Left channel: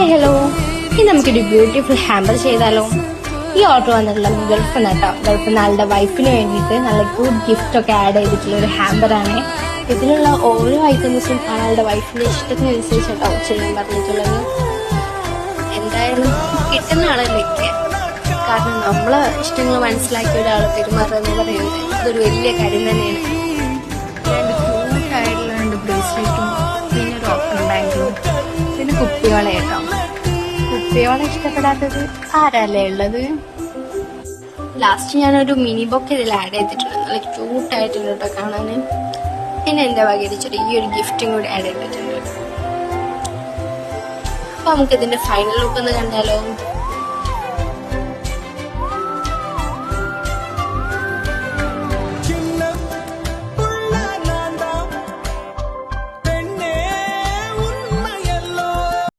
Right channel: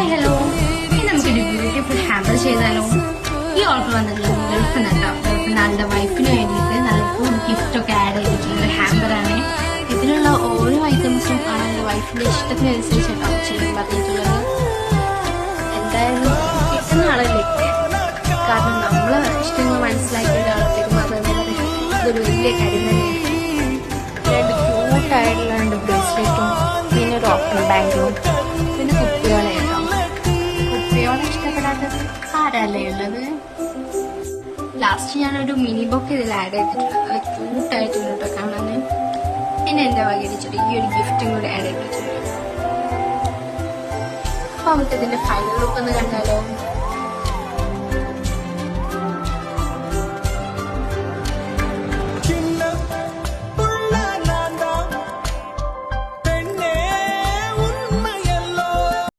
Hi hello, ഇനി നമുക്കൊരു beautiful hamper ചെയ്താലോ? ഈ ഓർഡർ വന്നിട്ടുള്ളത് ഗൾഫിൽ നിന്നാട്ടോ. ഗൾഫിൽ ആളുടെ വൈഫിന് വേണ്ടിയിട്ട് നല്ല ഗുഡ് ഗിഫ്റ്റ് ഒക്കെ ആഡ് ചെയ്തിട്ടുള്ള ഒരു ഹാമ്പറാണ്. ഇതിലുള്ള ഓരോ ഐറ്റംസും ആളുടെ വൈഫിന്റെ ഇഷ്ടത്തിനനുസരിച്ചൊക്കെ ചെയ്യാൻ പറഞ്ഞിട്ടുള്ളത്. എന്തായാലും കിട്ടുന്നതാണല്ലേ, കാരണം നമ്മളെ ഇഷ്ടങ്ങൾ മനസ്സിലാക്കിയ ഒരാളെ പെരുമാറുന്നത് ഇതൊരു വലിയ കാര്യം തന്നെയാണ്. രണ്ട് ക്യൂട്ടായിട്ടുള്ള രണ്ട് ബ്രേസ്ലെറ്റും പിന്നെ ഒരു ഓപ്പൺ ബാങ്കും പിന്നെ കുപ്പിയോളെ കേട്ടോ. കുപ്പിയോളെ ഇഷ്ടപ്പെടാത്തത് ആരല്ലേ ഉള്ളത്? ലാസ്റ്റ് ഞാനൊരു മിനി ബൊക്കെ ഇതിൽ ആഡ് ചെയ്തിട്ടുണ്ട്. നല്ല ക്യൂട്ടായിട്ടുണ്ട് കാണാൻ. പിന്നെ എൻ്റെ വകടിച്ചിട്ട് ഈ ഒരു ഗിഫ്റ്റും കൂടി ആഡ് ചെയ്തിട്ടുണ്ട്. അപ്പൊ നമുക്കിതിന്റെ ഫൈനൽ ലുക്ക് ഒന്ന് കണ്ടാലോ?